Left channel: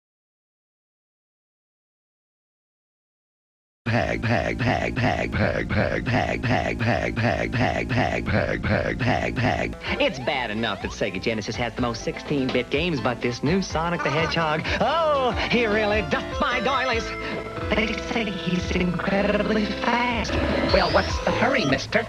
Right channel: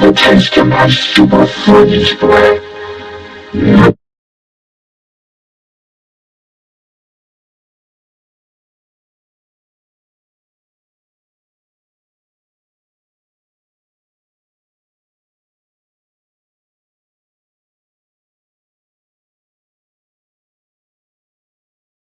The taste of my super freeze bread. It's bad enough that Sega Genesis has the most 16-bit games, but this new Sonic the Hedgehog, oh, he really duffed my doilies. They say he's incredibly fast. Well, what's the hurry, mister?